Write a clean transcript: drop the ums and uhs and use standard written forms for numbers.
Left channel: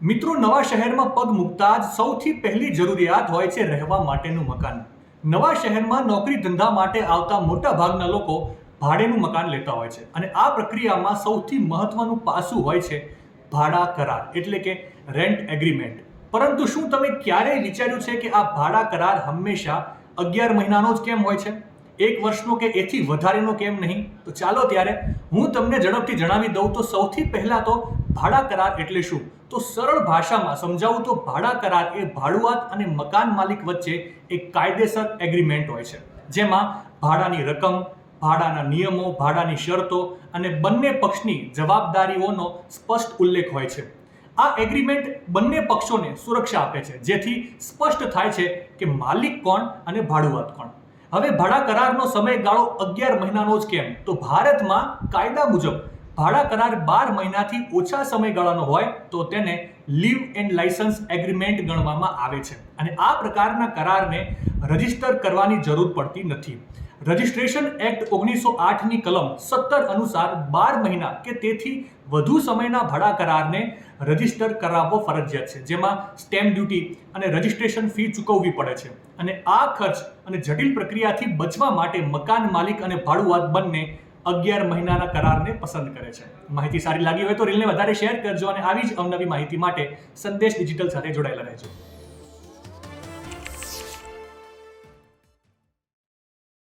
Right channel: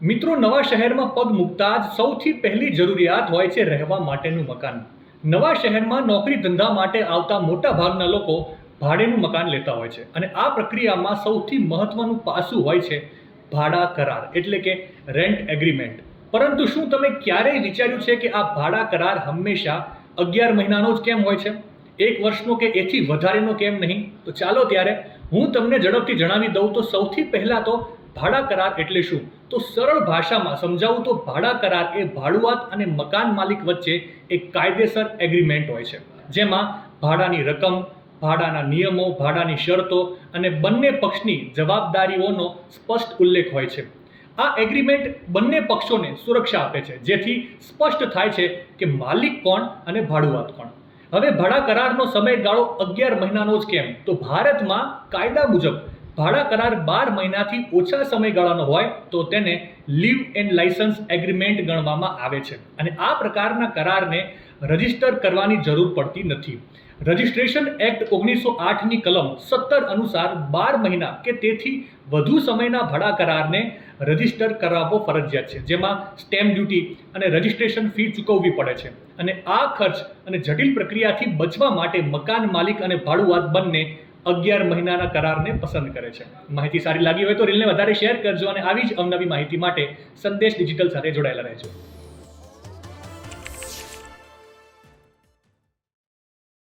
મિત્રો, નવા શહેરમાં પગ મૂકતા જ સૌથી પહેલી જરૂરિયાત હોય છે રહેવા માટેનું મકાન. નવા શહેરમાં નોકરી ધંધા માટે આવતા મોટા ભાગના લોકો ભાડેનું મકાન લેતા હોય છે અને આ પ્રક્રિયામાં સૌથી મહત્વનું પાસું હોય છે ભાડા કરાર એટલે કે રેન્ટ એગ્રીમેન્ટ. પરંતુ શું તમે ક્યારેય વિચાર્યું છે કે આ ભાડા કરાર હંમેશા 11 મહિનાનો જ કેમ હોય છે? 1 વર્ષનો કે એથી વધારેનો કેમ નહીં? તો ચાલો ત્યારે હું તમને ઝડપથી જણાવી દઉં. તો સૌથી પહેલા તો ભાડા કરાર એટલે શું? તો સરળ ભાષામાં સમજાવું તો ભાડા કરાર એ ભાડુઆત અને મકાન માલિક વચ્ચે એક કાયદેસર એગ્રીમેન્ટ હોય છે, જેમાં ભાડાની રકમ, ભાડાના નિયમો, ભાડાની શરતો અને બંને પક્ષની જવાબદારીઓનો સ્પષ્ટ ઉલ્લેખ હોય છે. આ એગ્રીમેન્ટ બંને પક્ષોને સુરક્ષા આપે છે, જેથી સ્પષ્ટ થાય છે કે માલિક કોણ અને ભાડુઆત કોણ. હવે ભાડા કરારનો સમયગાળો 11 મહિનાનો જ કેમ? તો ભારતમાં કાયદા મુજબ ભાડા કરાર 12 મહિનાથી ઓછા સમયગાળાનો હોય તો તેને લીવ એન્ડ લાયસન્સ એગ્રીમેન્ટ ગણવામાં આવે છે અને આ પ્રકારના કરારને રજીસ્ટર કરવાની જરૂર પડતી નથી. રજિસ્ટ્રેશન એક્ટ 1908ની કલમ 17 અનુસાર 12 મહિના કે તેથી વધુ સમયના ભાડા કરારને રજીસ્ટર કરાવવો ફરજિયાત છે, જેમાં સ્ટેમ્પ ડ્યુટી અને રજિસ્ટ્રેશન ફી ચૂકવવી પડે છે. અને આ ખર્ચ અને જટિલ પ્રક્રિયાથી બચવા માટે મકાન માલિક અને ભાડુઆત બંને 11 મહિનાના કરારને પસંદ કરે છે. માહિતી સારી લાગી હોય તો રીલને વધારે શેર કરજો અને આવી જ અવનવી માહિતી માટે સંદેશ ડિજિટલ સાથે જોડાયેલા રહેજો.